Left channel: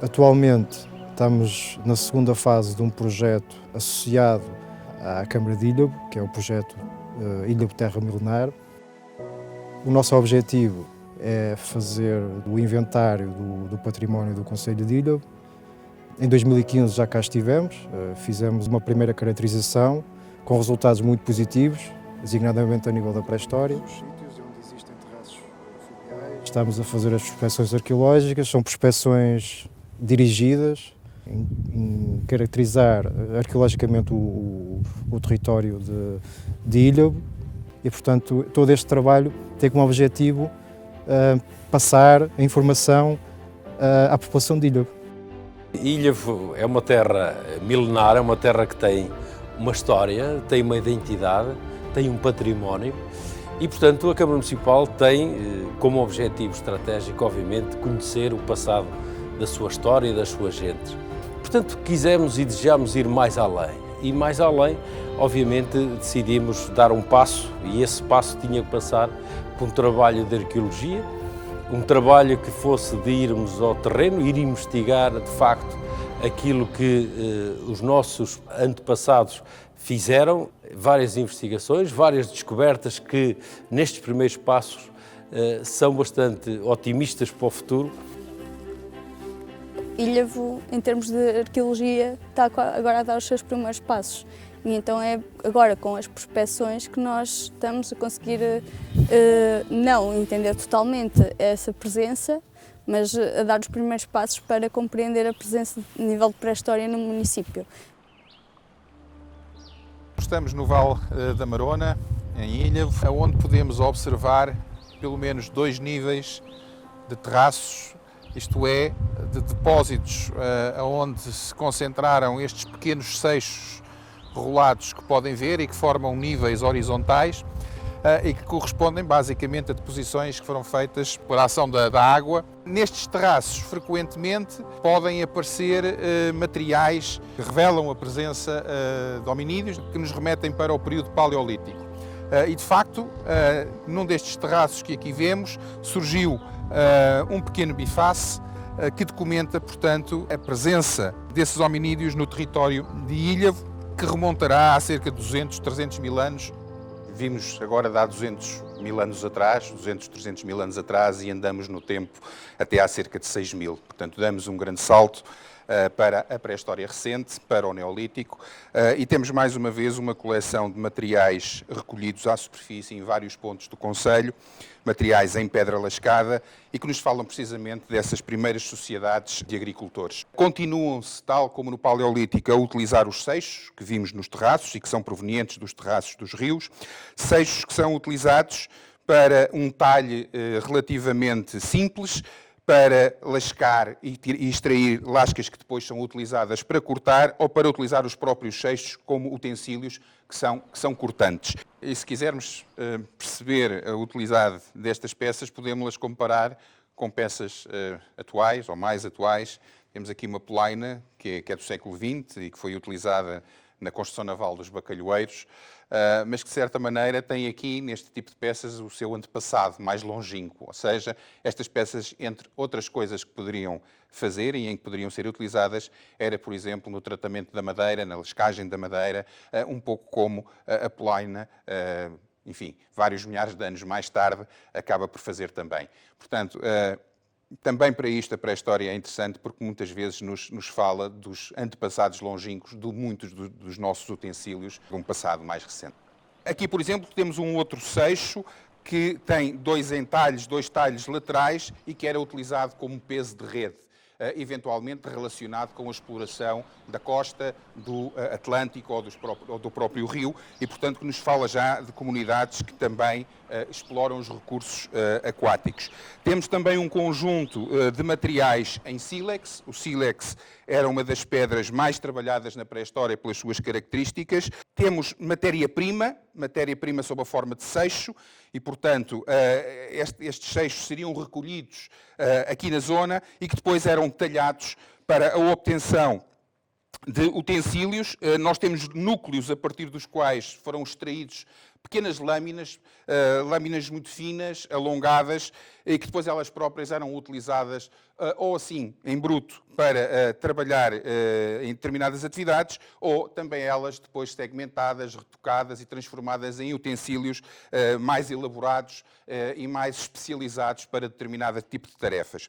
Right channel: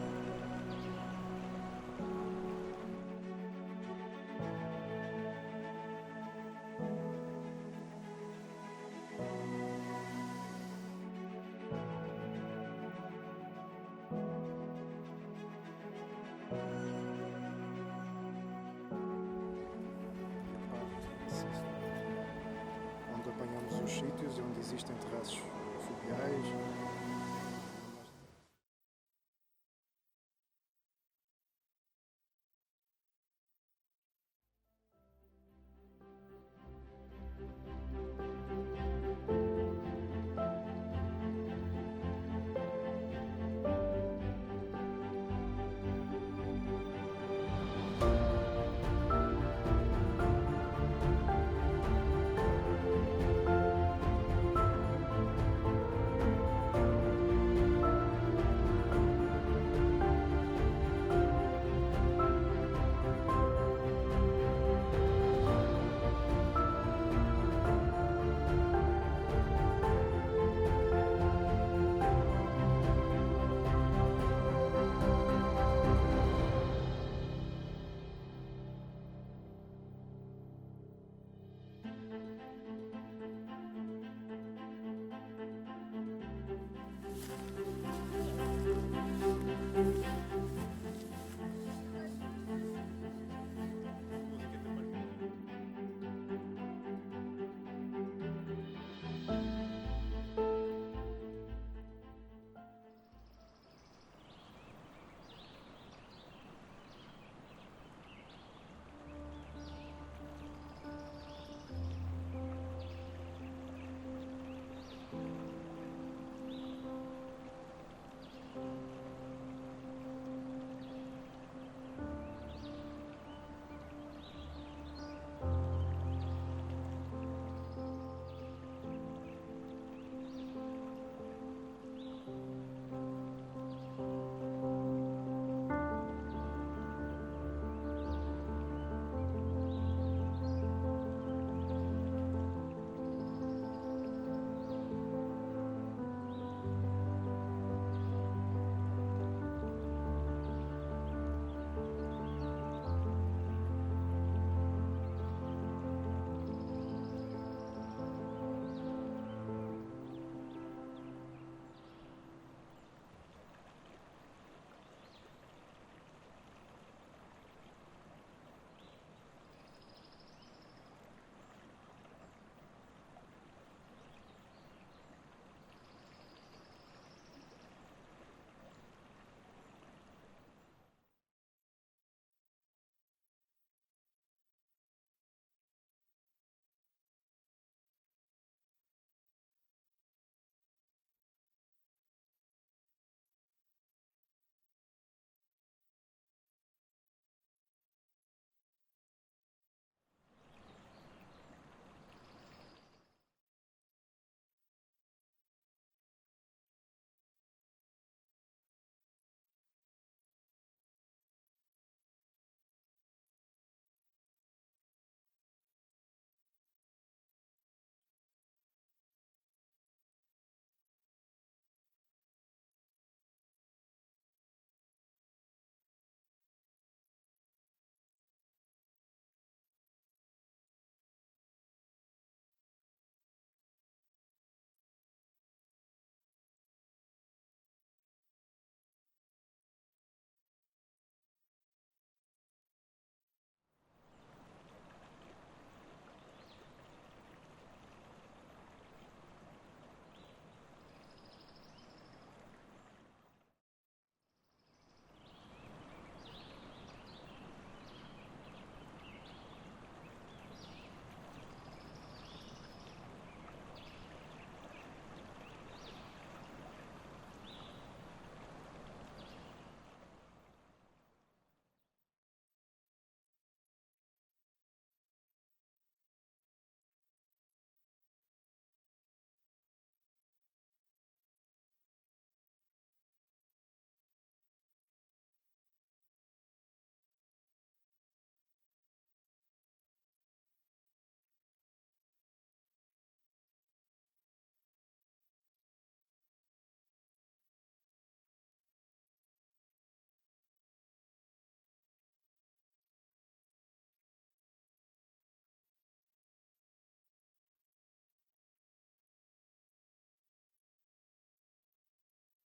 Atualmente estamos na segunda fase de um projeto associado à Câmara de Ilhavo, que é o projeto Ilhavo Terra Milenar. O nosso objetivo é fazer o inventário do património do concelho de Ilhavo. Em 2015 já cá estivemos, fizemos uma primeira caracterização com resultados muito positivos, designadamente a nível da pré-história. Estamos a fazer as prospecções arqueológicas, são prospecções dirigidas em caracterizar arqueologicamente o território de Ilhavo e, portanto, todo este trabalho tem como objetivo passar a informação à população de Ilhavo. Ilhavo é uma terra milenar, é uma terra que tem uma história, tem uma identidade, tem um património e, portanto, a Câmara Municipal tem como objetivo estratégico, obviamente, conhecer o passado da sua história e das suas gentes. Portanto, quisemos e desejamos ir mais além. E mais além, obviamente, decidimos dar um passo e esse passo tinha que passar por um trabalho de arqueologia, um trabalho que fosse de irmos ao terreno, ir investigar, de facto, aquilo que os nossos antepassados fizeram, várias investigações, várias descobertas que, nestes primeiros passos, são bastante otimistas para o futuro. Ilhavo, em termos de arqueologia, está agora a dar os seus primeiros passos. E então é agora com as prospeções que nós estamos a conseguir não entender totalmente essa presença, mas a dar os primeiros passos para compreender a presença a nível de pré-história no município. Estamos no Vale da Marona, em Ilhavo, onde podemos observar pelo menos 2 níveis de terraços, isto é, de depósitos onde se concentraram estes pequenos seixos rolados que podem ver e que formam níveis horizontais e que correspondem basicamente a deposições que foram feitas por ação da água. Nestes terraços, frequentemente, podem aparecer materiais que revelam a presença de hominídeos, que nos remetem para o período paleolítico. E, de facto, num destes terraços que aqui vemos, surgiu um pequeno biface que documenta, portanto, a presença desses hominídeos no território de Ilhavo, que remontará a cerca de 200, 300 mil anos. Vimos agora de há 200 mil anos atrás, 200, 300 mil anos atrás, e andamos no tempo até há cerca de 6 mil. Portanto, damos um grande salto para a pré-história recente, para o Neolítico, e temos mais uma vez uma coleção de materiais recolhidos à superfície em vários pontos do concelho, materiais em pedra lascada e que nos falam precisamente dessas primeiras sociedades de agricultores. Continuam-se, tal como no Paleolítico, a utilizar os seixos que vimos nos terraços e que são provenientes dos terraços dos rios, seixos que são utilizados para um talhe relativamente simples, para lascar e extrair lascas que depois são utilizadas para cortar ou para utilizar os próprios seixos como utensílios que são cortantes. E se quisermos perceber a utilidade destas peças, podemos-las comparar com peças atuais ou mais atuais. Temos aqui uma polaina que é do século XX e que foi utilizada na construção naval dos bacalhoeiros, mas que de certa maneira tem aqui, neste tipo de peças, o seu antepassado mais longínquo. Ou seja, estas peças, entre outras coisas que poderiam fazer e em que poderiam ser utilizadas, era, por exemplo, no tratamento da madeira, na lescagem da madeira, um pouco como a polaina, enfim, vários milhares de anos mais tarde, acaba por fazer também. Portanto, também para isto a pré-história é interessante porque muitas vezes nos fala dos antepassados longínquos de muitos dos nossos utensílios de um passado mais recente. Aqui, por exemplo, temos um outro seixo que tem 2 entalhes, 2 talhos laterais e que era utilizado como peso de rede, eventualmente relacionado com a exploração da costa do Atlântico ou do próprio rio e, portanto, que nos fala já de comunidades que também exploram os recursos aquáticos. Temos também um conjunto de materiais em sílex. O sílex era uma das pedras mais trabalhadas na pré-história pelas suas características. Temos matéria-prima sob a forma de seixo e, portanto, estes seixos seriam recolhidos aqui na zona e que depois eram talhados para a obtenção de utensílios. Nós temos núcleos a partir dos quais foram extraídos pequenas lâminas, lâminas muito finas, alongadas, e que depois elas próprias eram utilizadas ou assim, em bruto, para trabalhar em determinadas atividades, ou também elas depois segmentadas, retocadas e transformadas em utensílios mais elaborados e mais especializados para determinado tipo de tarefas.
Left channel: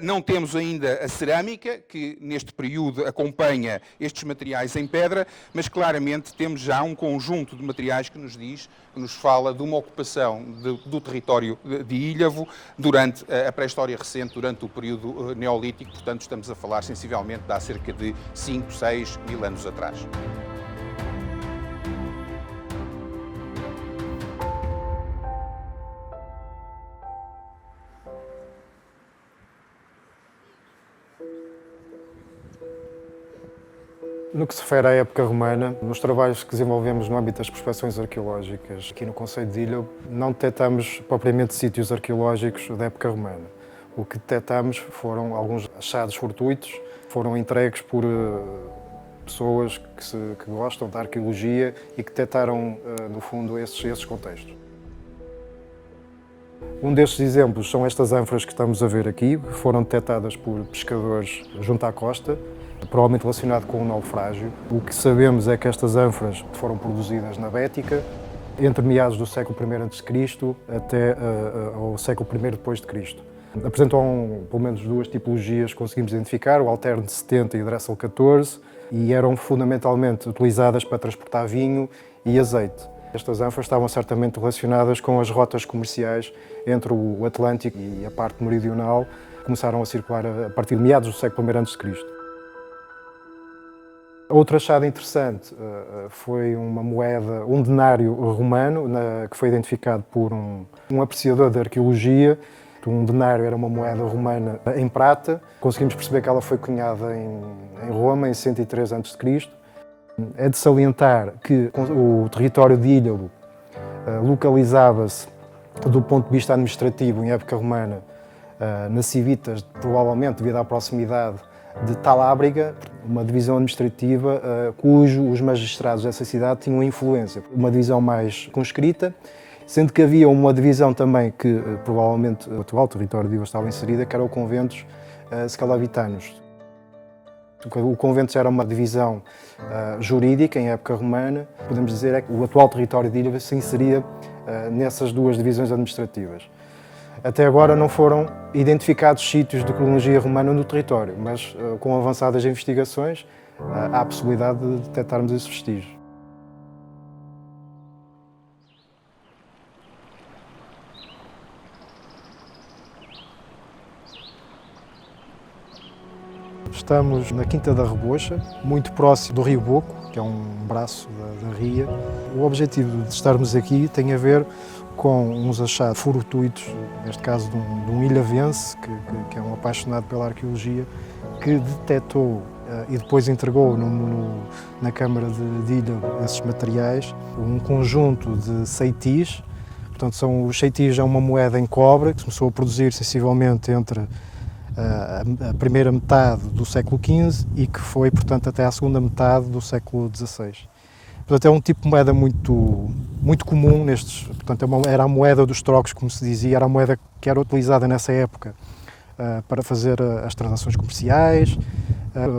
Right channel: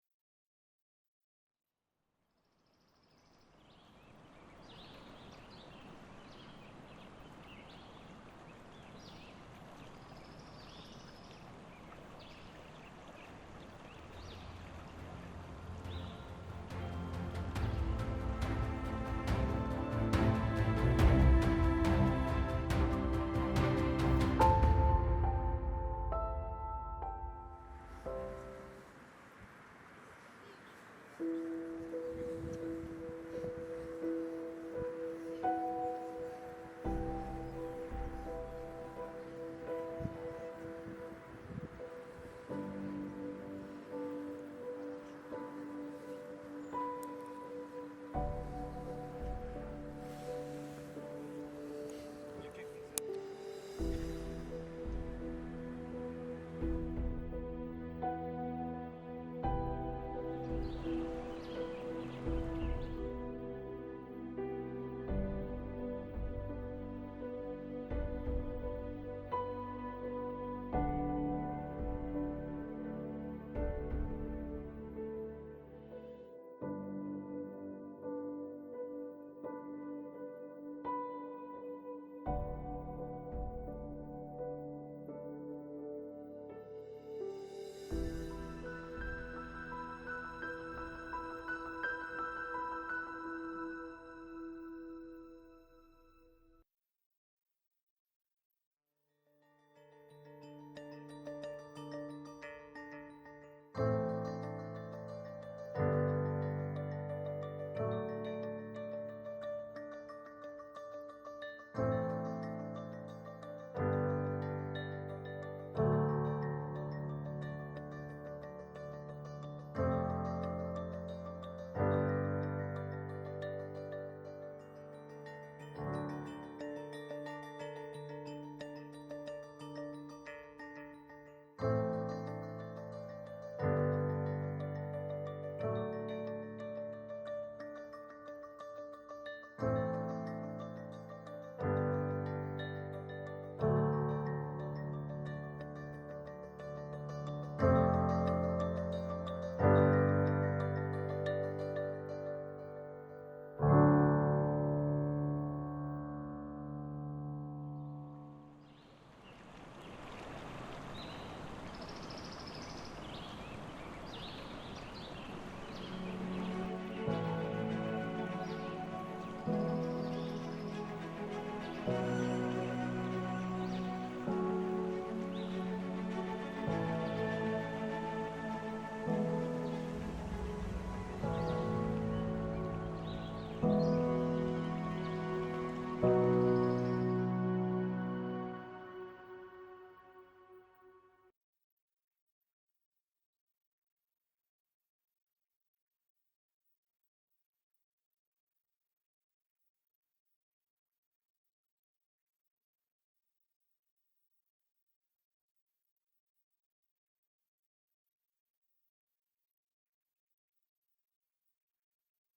Não temos ainda a cerâmica, que neste período acompanha estes materiais em pedra, mas claramente temos já um conjunto de materiais que nos fala de uma ocupação do território de Ilhavo durante a pré-história recente, durante o período neolítico, portanto estamos a falar sensivelmente de há cerca de 5, 6 mil anos atrás. No que se refere à época romana, nos trabalhos que desenvolvemos no âmbito das prospecções arqueológicas aqui no concelho de Ilhavo, não detectamos propriamente sítios arqueológicos da época romana. O que detectamos foram alguns achados fortuitos, foram entregues por pessoas que gostam da arqueologia e que detectaram, no fundo, esses contextos. Um destes exemplos são estas ânforas que estamos a ver aqui, que foram detectadas por pescadores junto à costa, provavelmente relacionado com o naufrágio. O que sabemos é que estas ânforas foram produzidas na Bética, entre meados do século I a.C. até ao século I depois de Cristo. Apresentam pelo menos duas tipologias que conseguimos identificar, o Alterne 70 e o Dressel 14, e eram fundamentalmente utilizadas para transportar vinho e azeite. Estas ânforas estavam certamente relacionadas com as rotas comerciais entre o Atlântico e a parte meridional, que começaram a circular a partir de meados do século I a.C. Outro achado interessante foi uma moeda, um denário romano, que foi identificado por um apreciador de arqueologia. Um denário era uma moeda romana em prata. Conseguimos perceber que ela foi cunhada em Roma em 103 a.C. É de salientar que o território de Ilhavo localizava-se, do ponto de vista administrativo, em época romana, nas Civitas, provavelmente devido à proximidade de Talábriga, uma divisão administrativa os magistrados dessa cidade tinham influência. Uma divisão mais conscrita, sendo que havia uma divisão também que provavelmente o atual território de Ilhavo estava inserida, que era o Conventos Scalavitanos. O Conventos era uma divisão jurídica em época romana. Podemos dizer é que o atual território de Ilhavo se inseria nessas duas divisões administrativas. Até agora não foram identificados sítios de cronologia romana no território, mas com avançadas investigações há a possibilidade de detectarmos esses vestígios. Estamos na Quinta da Rebocha, muito próximo do Rio Boco, que é um braço da ria. O objetivo de estarmos aqui tem a ver com uns achados fortuitos, neste caso de um ilhavense, que é um apaixonado pela arqueologia, que detectou e depois entregou na Câmara de Ilhavo esses materiais, um conjunto de ceitis. Portanto, os ceitis é uma moeda em cobre que começou a produzir sensivelmente entre a primeira metade do século XV e que foi, portanto, até à segunda metade do século XVI. Portanto, é um tipo de moeda muito comum nestes. Portanto, era a moeda dos trocos, como se dizia, era a moeda que era utilizada nessa época para fazer as transações comerciais,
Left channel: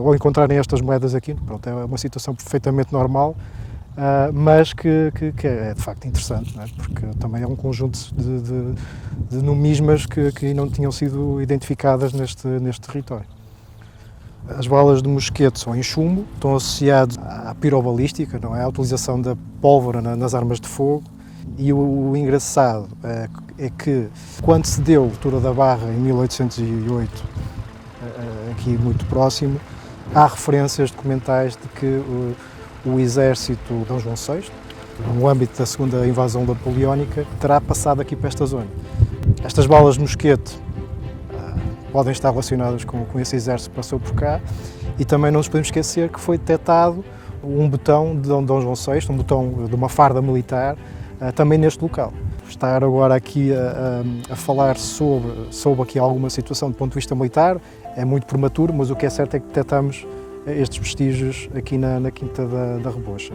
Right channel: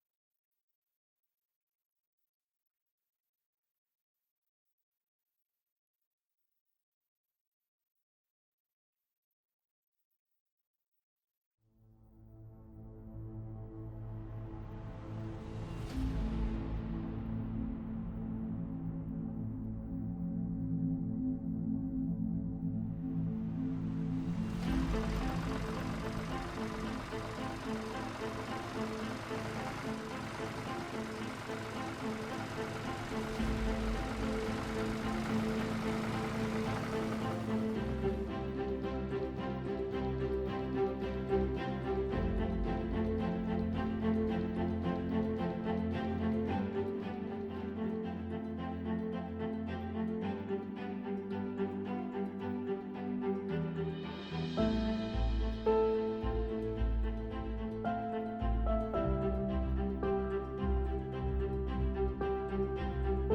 ou encontrarem estas moedas aqui. Pronto, é uma situação perfeitamente normal, mas que é de facto interessante, não é? Porque também é um conjunto de numismas que não tinham sido identificadas neste território. As balas de mosquete são em chumbo, estão associadas à pirobalística, não é? À utilização da pólvora nas armas de fogo. E o engraçado é que, quando se deu a altura da Barra, em 1808, aqui muito próximo, há referências documentais de que o exército de Dom João VI, no âmbito da segunda invasão napoleónica, terá passado aqui para esta zona. Estas balas de mosquete podem estar relacionadas com esse exército que passou por cá, e também não nos podemos esquecer que foi detectado um botão de Dom João VI, um botão de uma farda militar, também neste local. Estar agora aqui a falar sobre aqui alguma situação do ponto de vista militar é muito prematuro, mas o que é certo é que detectamos estes vestígios aqui na Quinta da Rebocha.